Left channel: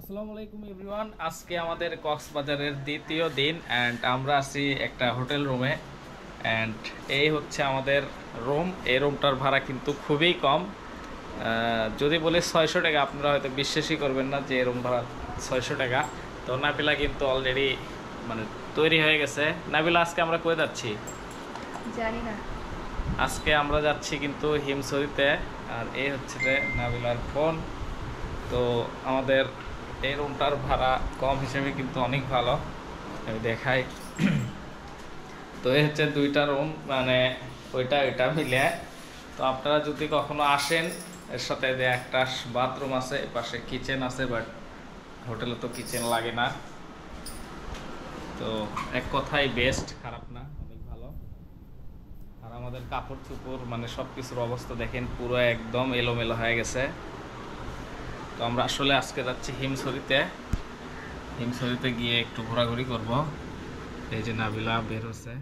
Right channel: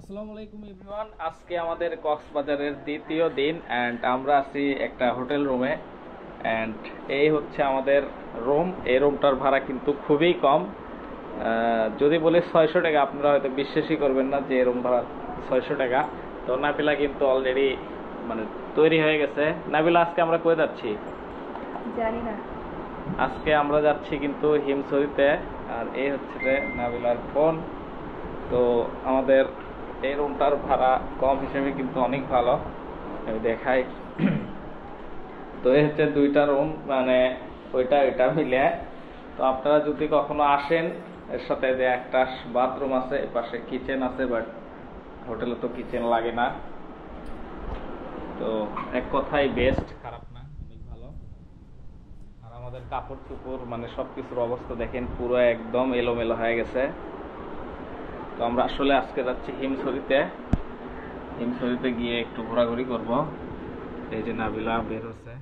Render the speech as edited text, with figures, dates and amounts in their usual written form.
আসসালামু আলাইকুম এভরিওয়ান। আজকে আমাদের কক্সবাজারের দ্বিতীয় দিন অ্যান্ড আমরা আছি একটা হোটেল রুমে। অ্যান্ড এই হচ্ছে আমাদের রুম। এই রুমটার ভাড়া কিন্তু খুবই কম। যদি বলি 600 টাকা, আপনারা হয়তো বিশ্বাসই করবেন না যে রুম ভাড়া 600 টাকা। তো নাবিলা কিন্তু অলরেডি মানে তৈরি হয়ে গেছে। নাবিলা, আজকে আমরা কই যাচ্ছি? জানি না। আজকে আমরা যাচ্ছি কিন্তু হিমছড়িতে। আর এই হচ্ছে যে নাবিলার ফোন। তো আমাদের এই রুমটার ভাড়া কম হিসেবে কিন্তু অনেক ভালো। আমি দেখাই। তো এই হচ্ছে দুইটা রুম, মানে ওইটা ওইটা মিলে। তো আপনারা যদি কখনো আসেন, এর সাথে যে একটা বাথরুম আছে, পাশে কিচেন আছে, বাট হোটেলে তো কিচেন লাগে না। তো এক কথাই বেস্ট, খারাপ না, অনেক ভালো। আর আমাদের কাপড় চোপড় মানে সব কিছুর অবস্থা দেখেন, পুরো একদম এলোমেলো হয়ে গেছে। তো আমরা আসলে আজকে যাচ্ছি হিমছড়িতে। হিমছড়িতে গিয়ে একটু ঘোরাঘুরি করব। এই যে নাবিলা বের হচ্ছে।